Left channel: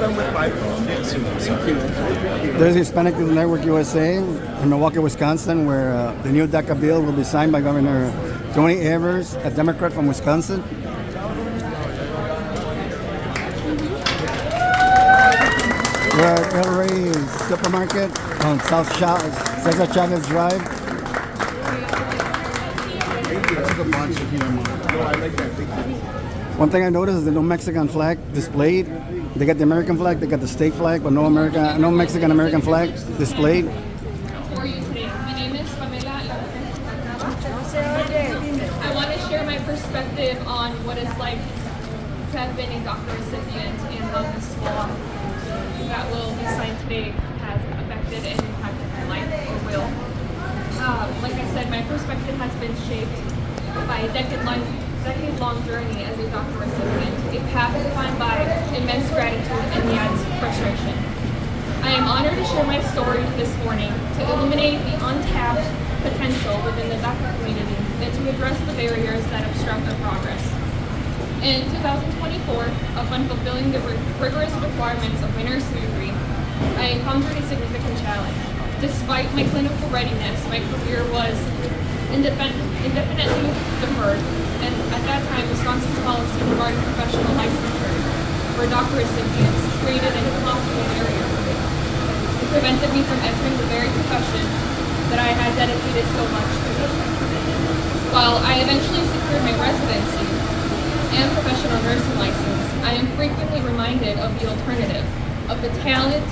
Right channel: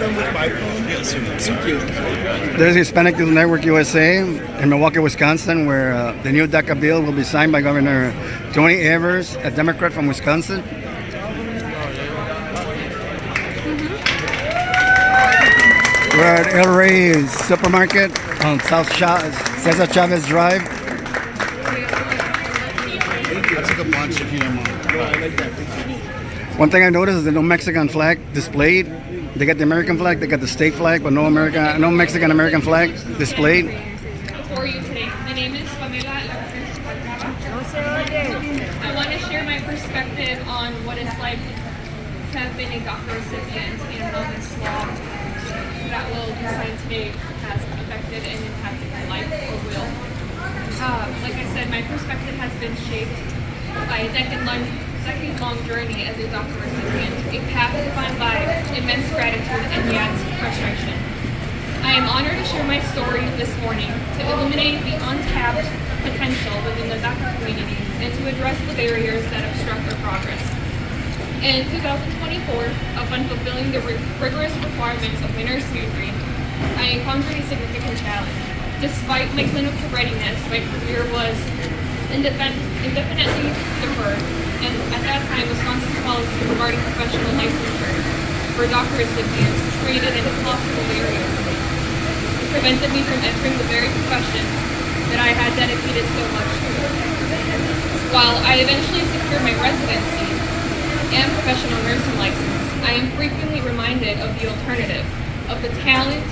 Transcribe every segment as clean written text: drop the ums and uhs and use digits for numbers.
them with my phone. Yes, thank you. There's Hispanic Network U.S.A. in Milwaukee, Wisconsin, where the new DACA bill will be signed by Governor Tony Evers, a Democrat from Wisconsin. We're at El Rey's Supermarket on César Chávez Drive. I took a bunch if you don't mind. One thing I noticed is there's no Mexican flag displayed. They got the American flag, they got the state flag, but no Mexican American flag displayed. For you today. My name is Sylvia. I want to share my perspective on what it's like to have been a DACA recipient and how this law that will be signed today has affected and impacted my life or will. Like I said, my perspective has been shaped by a decade-long journey as a DACA recipient, a path defined by immense gratitude and yet frustration. I am honored to share my story this morning to illuminate the untapped potential within the DACA community and to address the barriers that obstruct our progress. In 2024, upon fulfilling the rigorous requirements of my nursing degree, I encountered a significant challenge. Despite my clinical readiness, my career was indefinitely deferred, and at that time, Wisconsin's policy regarding professional licensure for DACA recipients created an impossible barrier. It prevented me from entering the very profession that I had dedicated so much to. While I eventually secured my residency and professional nursing license, I am frequently reminded of the alternative, of the talent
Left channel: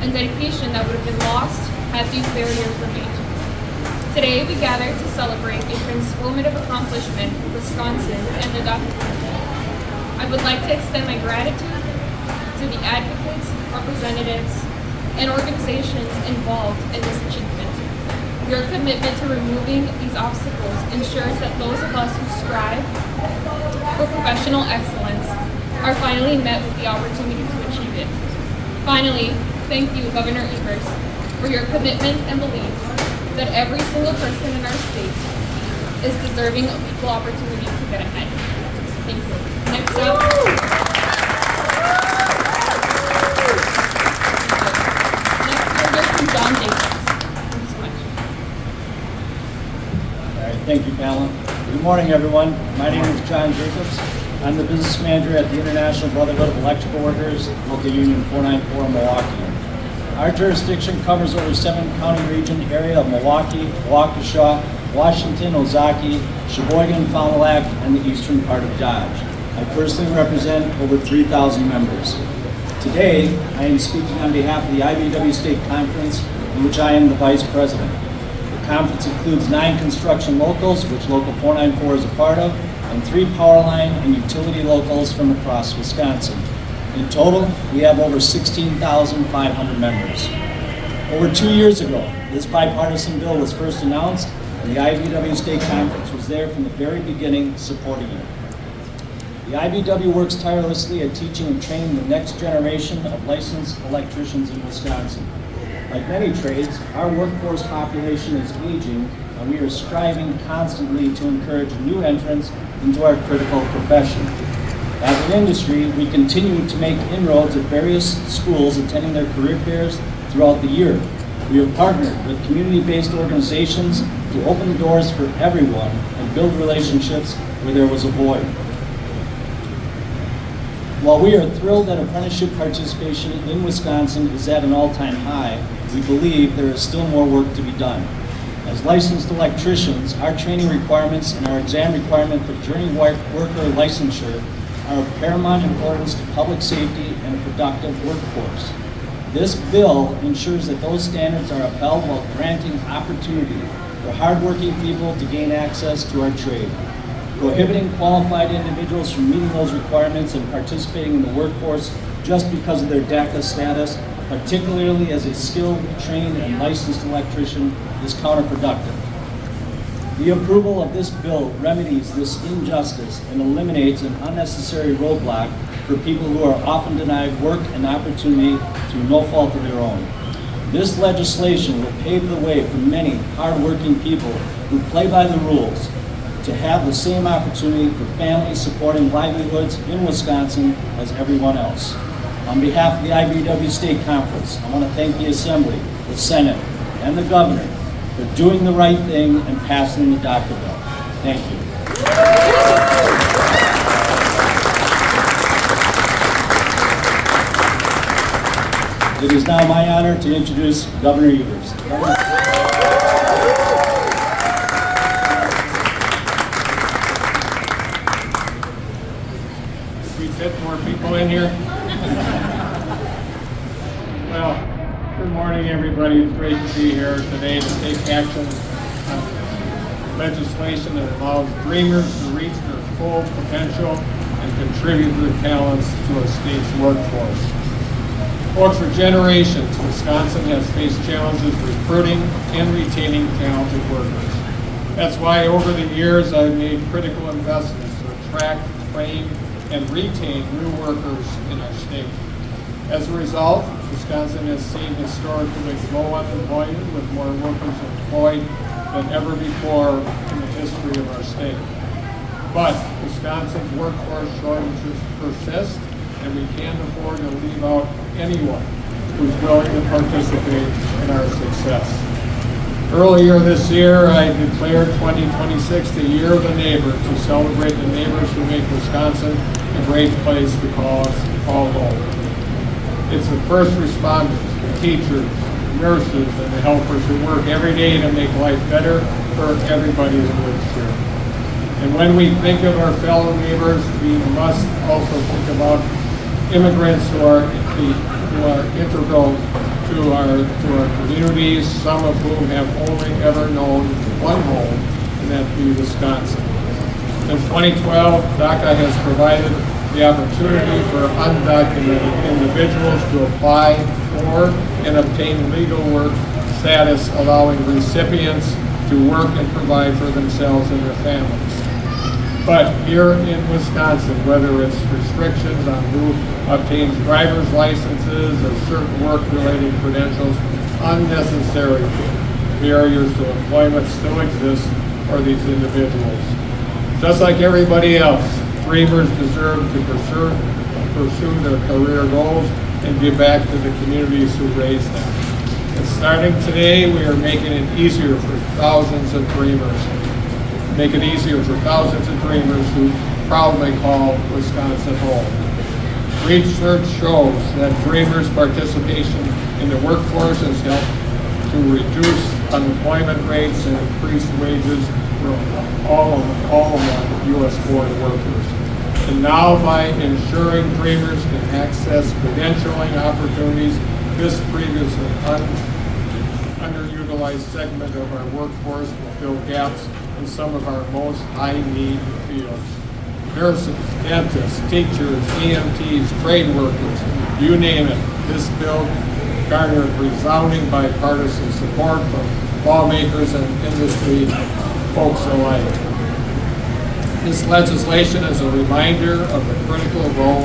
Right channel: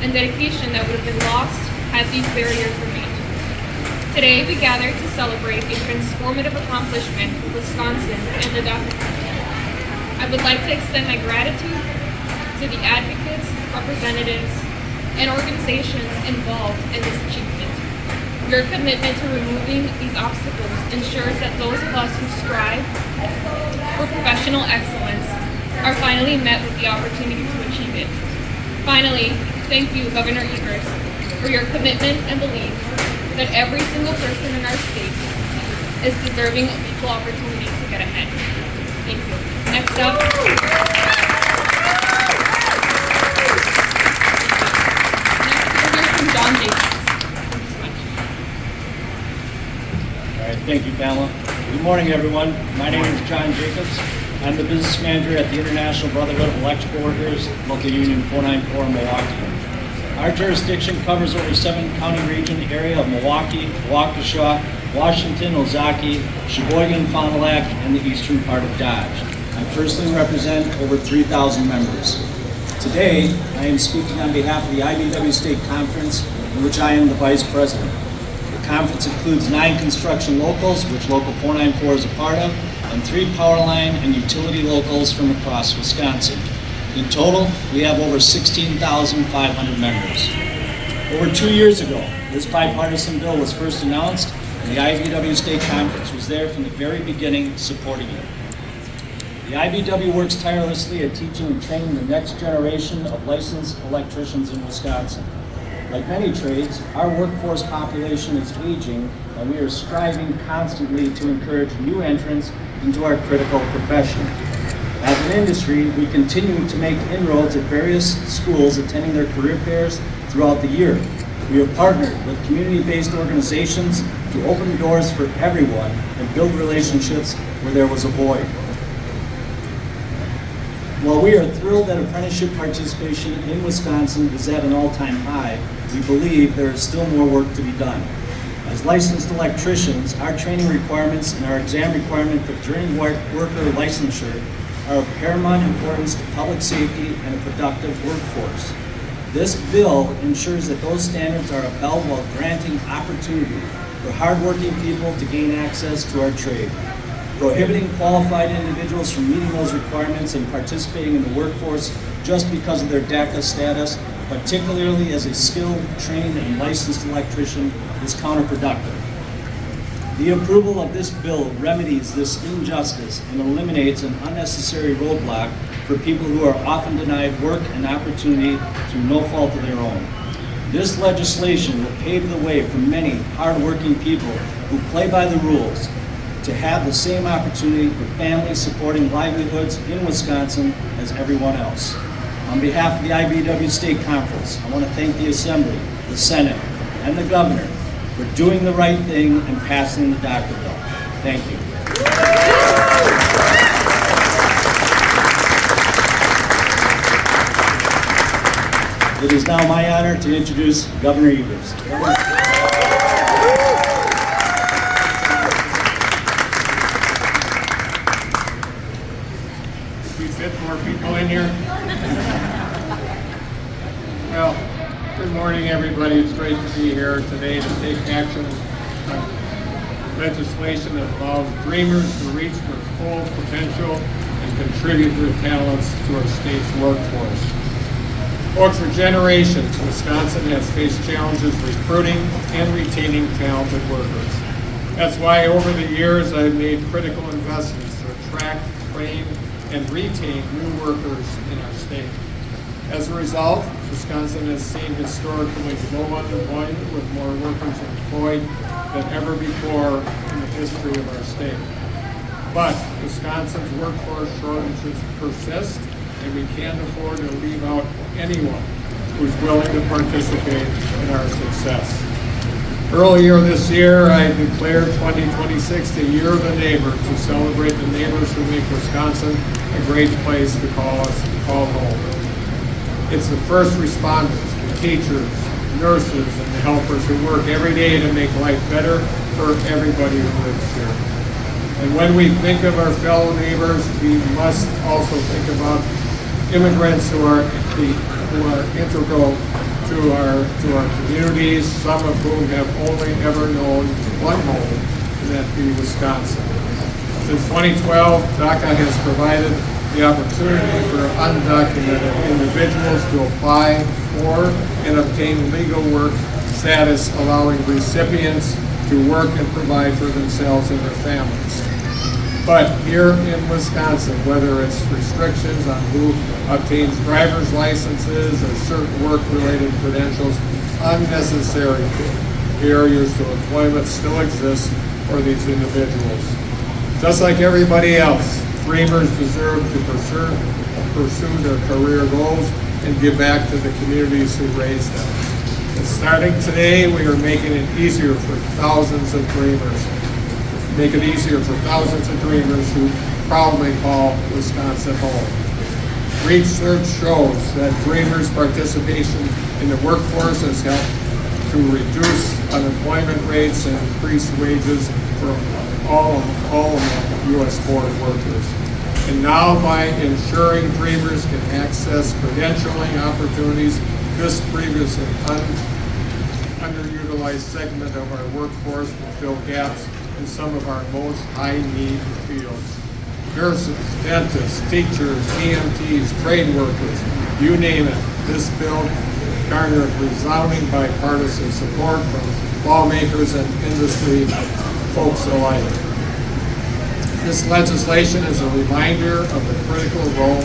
and dedication that would have been lost had these barriers remained. Today, we gather to celebrate a transformative accomplishment for Wisconsin and the DACA community. I would like to extend my gratitude to the advocates, representatives, and organizations involved in this achievement. Your commitment to removing these obstacles ensures that those of us who strive for professional excellence are finally met with the opportunity to achieve it. Finally, thank you, Governor Evers, for your commitment and belief that every single person in our state is deserving of equal opportunity to get ahead. Thank you. Next up. Next, John Jacobs. Thank you so much. All right, thank you, Pamela. Good morning, everyone. My name is John Jacobs. I'm the business manager at the International Brotherhood of Electrical Workers, Local Union 494 Milwaukee. Our jurisdiction covers over 7-county region area of Milwaukee, Waukesha, Washington, Ozaukee, Sheboygan, Fond du Lac, and the eastern part of Dodge. I personally represent over 3,000 members. Today, I am speaking on behalf of the IBEW State Conference, in which I am the vice president. The conference includes 9 construction locals, which Local 494 is a part of, and 3 power line and utility locals from across Wisconsin. In total, we have over 16,500 members. Over 2 years ago, this bipartisan bill was first announced, and the IBEW State Conference was there from the very beginning supporting it. The IBEW works tirelessly at teaching and training the next generation of licensed electricians in Wisconsin. Like many trades, our workforce population is aging, and we are striving constantly to encourage new entrants into our critical profession. As an industry, we continue to make inroads at various schools attending their career fairs throughout the year. We have partnered with community-based organizations to open doors for everyone and build relationships where there was a void. While we are thrilled that apprenticeship participation in Wisconsin is at an all-time high, we believe there is still more work to be done. As licensed electricians, our training requirements and our exam requirement for journey worker licensure are of paramount importance to public safety and a productive workforce. This bill ensures that those standards are upheld while granting opportunity for hardworking people to gain access to our trade. Prohibiting qualified individuals from meeting those requirements and participating in the workforce just because of their DACA status, particularly as a skilled, trained, and licensed electrician, is counterproductive. The approval of this bill remedies this injustice and eliminates an unnecessary roadblock for people who are often denied work and opportunity through no fault of their own. This legislation will pave the way for many hardworking people who play by the rules to have the same opportunity for families supporting livelihoods in Wisconsin as everyone else. On behalf of the IBEW State Conference, I want to thank the Assembly, the Senate, and the Governor for doing the right thing and passing the DACA bill. Thank you. It is now my honor to introduce Governor Evers. We fit more people in here. Well, good morning, everybody. It's great to be here today to take action on legislation that allows dreamers to reach their full potential and contribute their talents to our state's workforce. Folks, for generations, Wisconsin has faced challenges recruiting and retaining talented workers. That's why over the years I've made critical investments to attract, train, and retain new workers in our state. As a result, Wisconsin has seen historically low unemployment with more workers employed than ever before in the history of our state. But Wisconsin's workforce shortages persist, and we can't afford to leave out anyone who's willing to participate in our success. Earlier this year, I declared 2026 the Year of the Neighbor to celebrate the neighbors who make Wisconsin a great place to call home. It's the first responders, the teachers, nurses, and the helpers who work every day to make life better for everybody who lives here. And when we think of our fellow neighbors, we must also think about immigrants who are integral to our communities, some of whom have only ever known one home, and that be Wisconsin. Since 2012, DACA has provided the opportunity for undocumented individuals to apply for and obtain legal work status, allowing recipients to work and provide for themselves and their families. But here in Wisconsin, whether it's restrictions on who obtains driver's licenses or certain work-related credentials, unnecessary barriers to employment still exist for these individuals. Just like everybody else, dreamers deserve to pursue their career goals and give back to the communities who raised them. And starting today, we are making it easier for thousands of dreamers. Make it easier for thousands of dreamers who proudly call Wisconsin home. Research shows that dreamers' participation in the workforce has helped to reduce unemployment rates and increase wages for all of U.S. foreign workers. And now by ensuring dreamers can access credentialing opportunities, this previously underutilized segment of our workforce will fill gaps in some of our most high-need fields. Nurses, dentists, teachers, EMTs, trade workers, you name it. This bill garnered resounding bipartisan support from lawmakers and industry folks alike. This legislation is a reminder of the critical role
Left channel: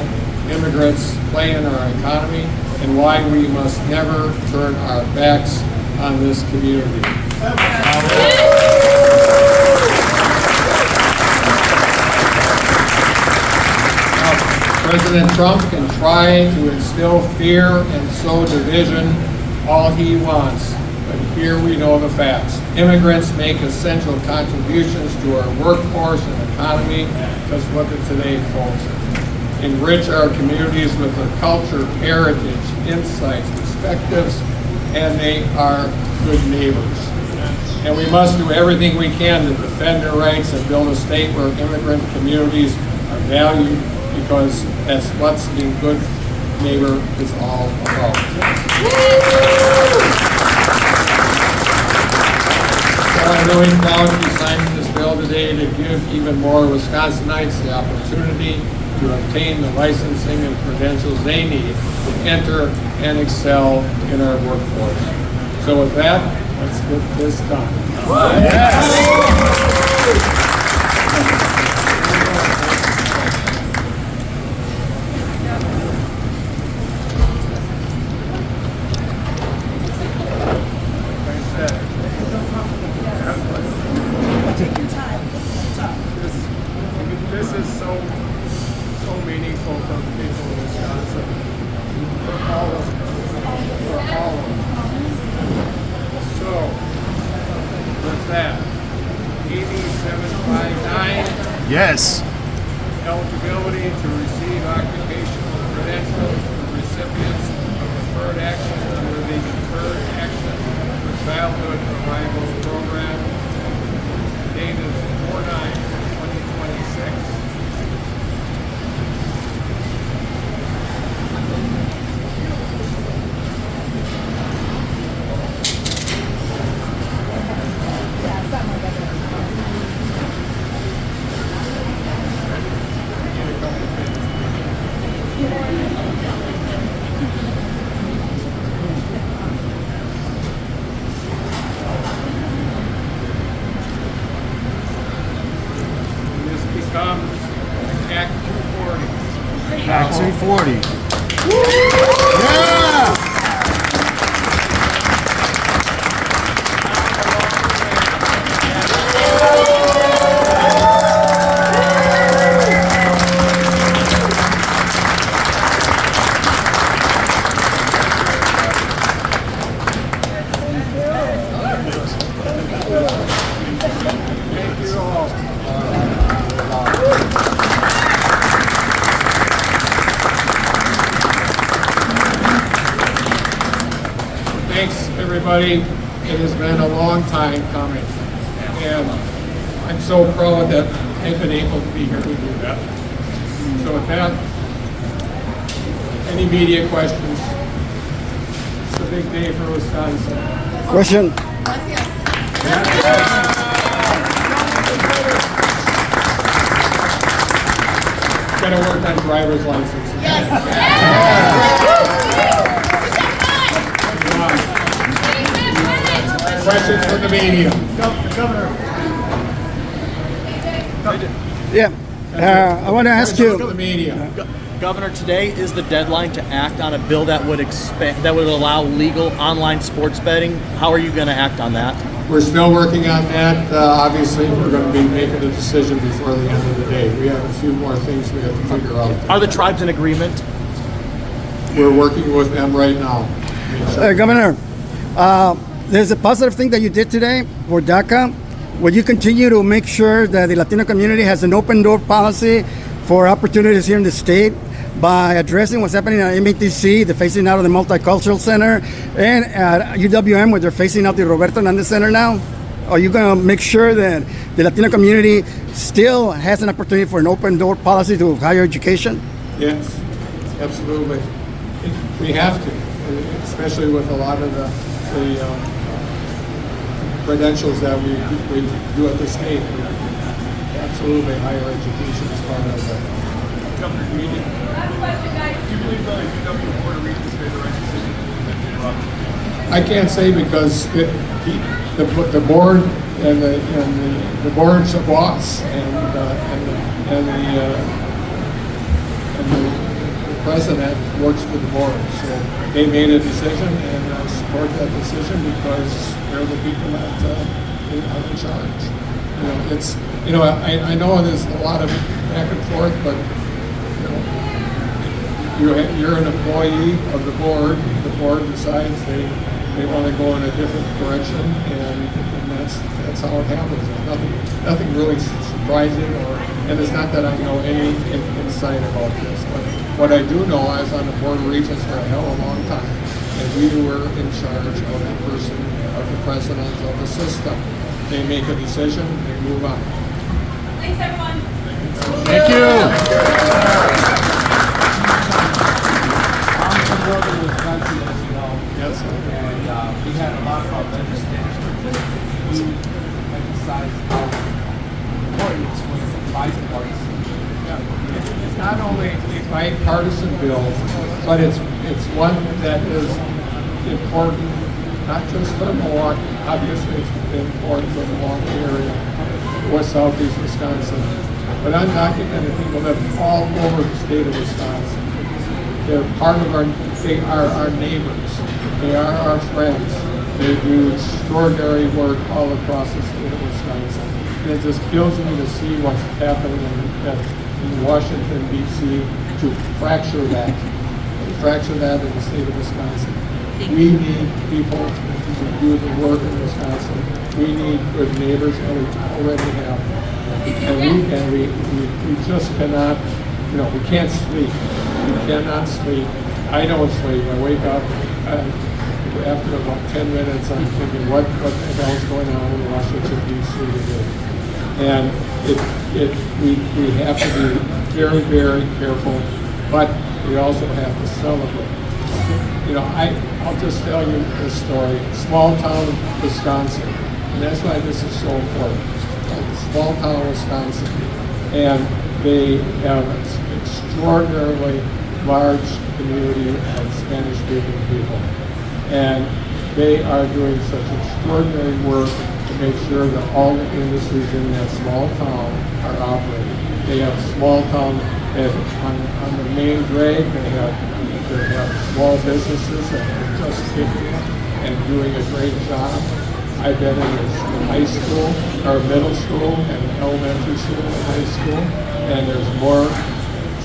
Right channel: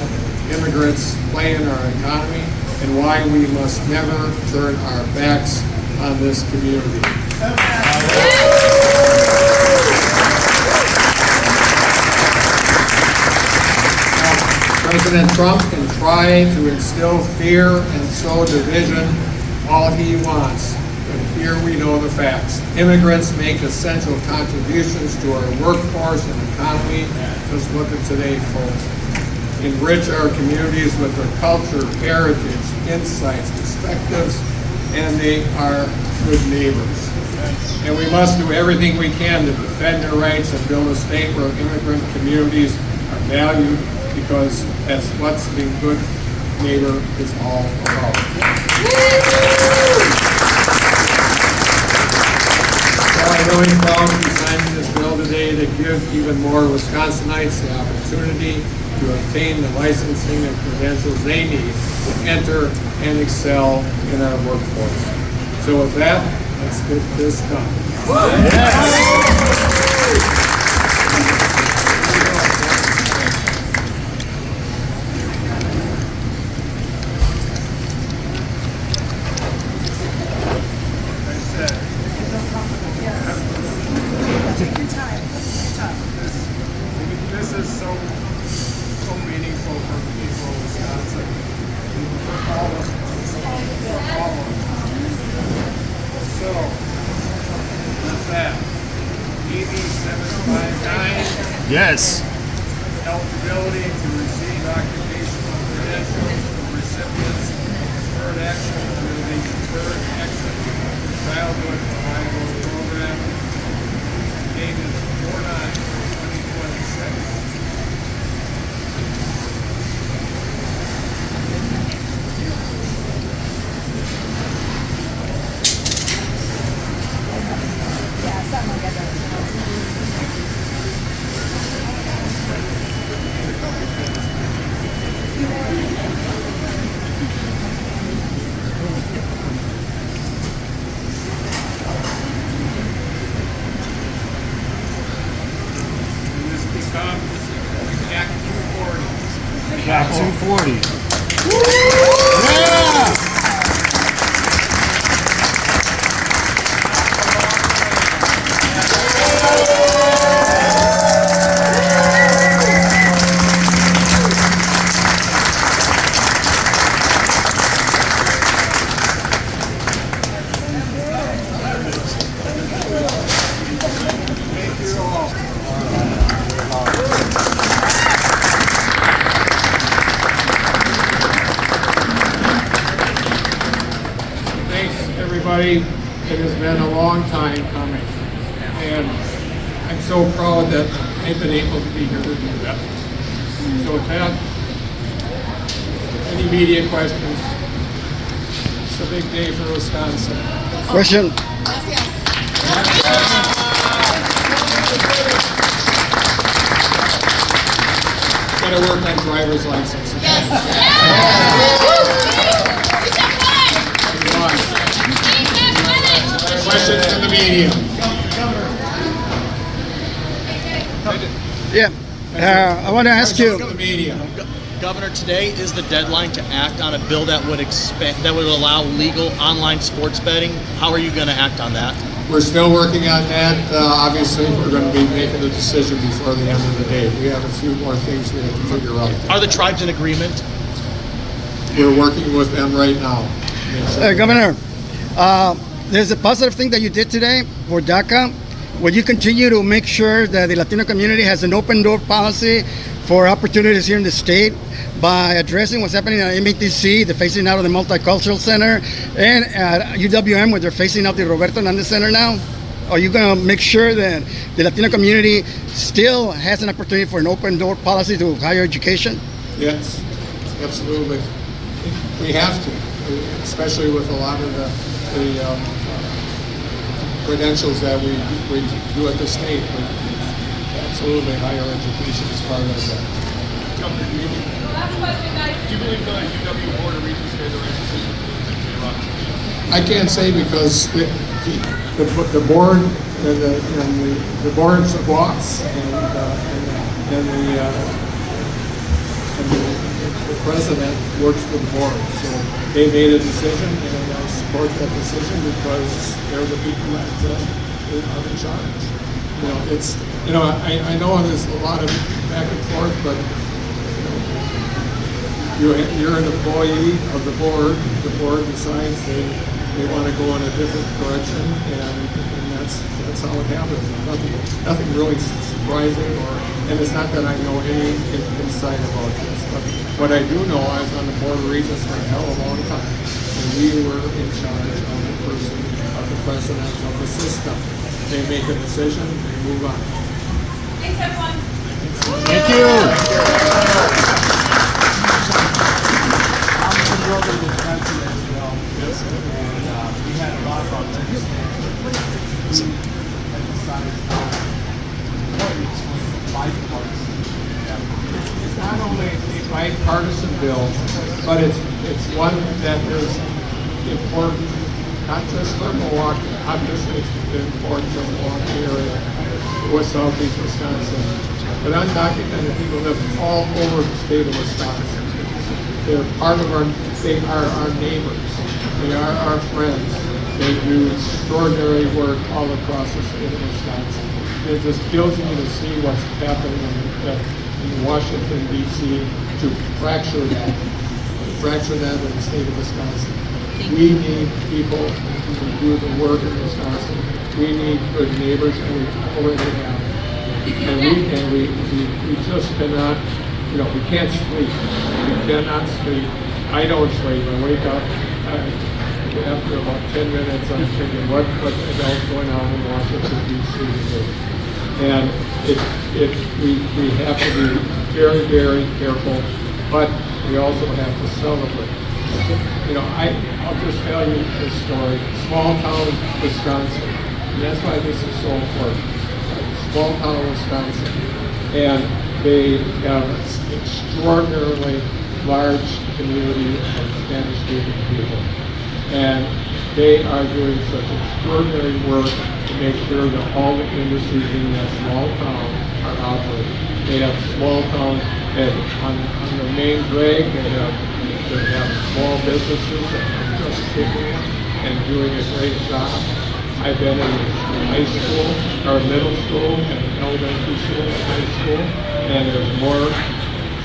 immigrants play in our economy and why we must never turn our backs on this community. President Trump can try to instill fear and sow division all he wants, but here we know the facts. Immigrants make essential contributions to our workforce and economy. Just look at today, folks. Enrich our communities with their culture, heritage, insights, perspectives, and they are good neighbors. And we must do everything we can to defend their rights and build a state where immigrant communities are valued, because that's what being good neighbor is all about. I'm really proud to be signing this bill today to give even more Wisconsinites the opportunity to obtain the licensing and credentials they need to enter and excel in our workforce. So with that, let's get this done. This is so meaningful for the people of Wisconsin. Ortiz-Velez. ED 759, Yes. eligibility to receive occupational credentials for recipients of Deferred Action under the Deferred Action for Childhood Reliable Program. Date is 4/9/2026. And this becomes Act 240. Back 240. Yeah. Thank you all. Thanks, everybody. It has been a long time coming, and I'm so proud that I've been able to be here to do that. So with that, any media questions? It's a big day for Wisconsin. Question? Gotta work on driver's licenses. Questions from the media? Yeah. I want to ask Questions from you. the media? Governor, today is the deadline to act on a bill that would allow legal online sports betting. How are you going to act on that? We're still working on that. Obviously, we're going to be making a decision before the end of the day. We have a few more things we have to figure out. Are the tribes in agreement? We're working with them right now. Governor, there's a positive thing that you did today for DACA. Will you continue to make sure that the Latino community has an open door policy for opportunities here in the state by addressing what's happening at MATC, the phasing out of the Multicultural Center, and at UWM where they're phasing out the Roberto Hernandez Center now? Are you going to make sure that the Latino community still has an opportunity for an open door policy to higher education? Yes, absolutely. We have to, especially with a lot of the credentials that we do at the state. Absolutely, higher education is part of that. Last question, guys. I can't say because the board and the board's a boss and the president works for the board. So they made a decision, and I support that decision because they're the people that are in charge. I know there's a lot of back and forth, but you're an employee of the board. The board decides they want to go in a different direction, and that's how it happens. Nothing really surprising, and it's not that I know any insight about this. But what I do know, I was on the board of regents for a hell of a long time, and we were in charge of the president of the system. They make a decision, they move on. Thanks, everyone. Thank you. I'm from northern Wisconsin, as you know. Yes. And we had a lot of our legislators who emphasized how important this was for bipartisan. It's not only a bipartisan bill, but it's one that is important not just for Milwaukee. Obviously, it's important for Milwaukee area, West Southeast Wisconsin, but undocumented people live all over the state of Wisconsin. They're part of they are our neighbors. They are our friends. They do extraordinary work all across the state of Wisconsin. It just kills me to see what's happening in Washington, D.C. to fracture that in the state of Wisconsin. We need people to do the work in Wisconsin we need good neighbors, and we already have. And we just cannot, we can't sleep. We cannot sleep. I don't sleep. I wake up after about 10 minutes. I'm thinking, what the hell's going on in Washington D.C. today? And we have to be very, very careful, but we also have to celebrate. I'll just tell you this story. Small town Wisconsin, and that's why this is so important. Small town Wisconsin, and they have extraordinarily large community of Spanish-speaking people, and they are doing such extraordinary work to make sure that all the industries in that small town are operating. They have small town, on the main drag, they have small businesses that are just kicking it and doing a great job. I've been in high school, or middle school, and elementary school, and high school, and there's more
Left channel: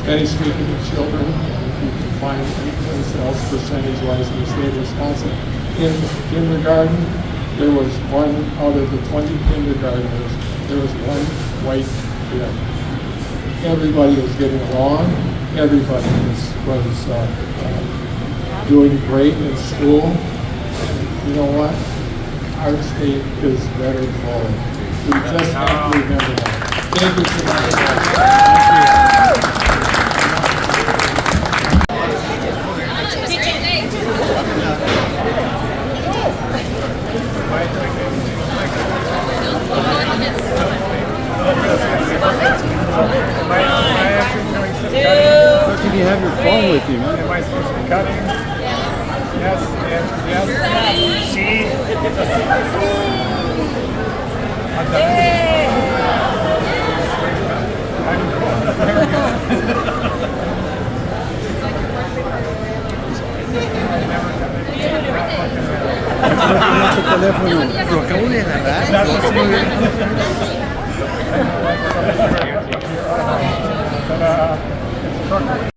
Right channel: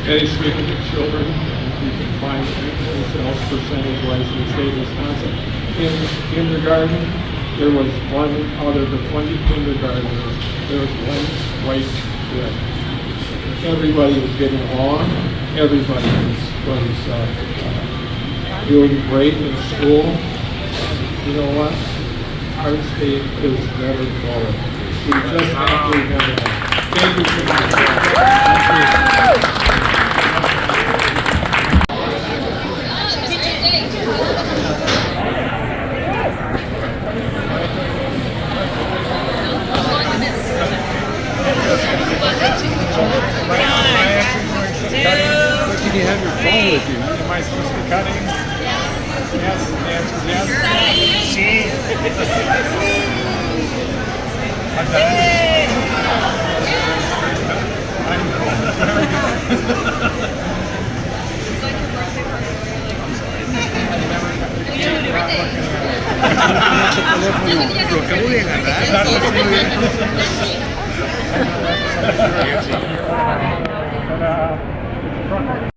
Spanish-speaking children than you can find themselves percentage-wise in the state of Wisconsin. In kindergarten, there was one out of the 20 kindergartners, there was one white kid. Everybody was getting along. Everybody was doing great in school. You know what? Our state is better going. We just have to remember that. Thank you so much. You can have your phone with you. Am I supposed to be cutting? Yes. The answer is yes. She. I'm done. I'm cool. Very good. It's like your birthday party where you're like, I never Is that what you but it's a trucker.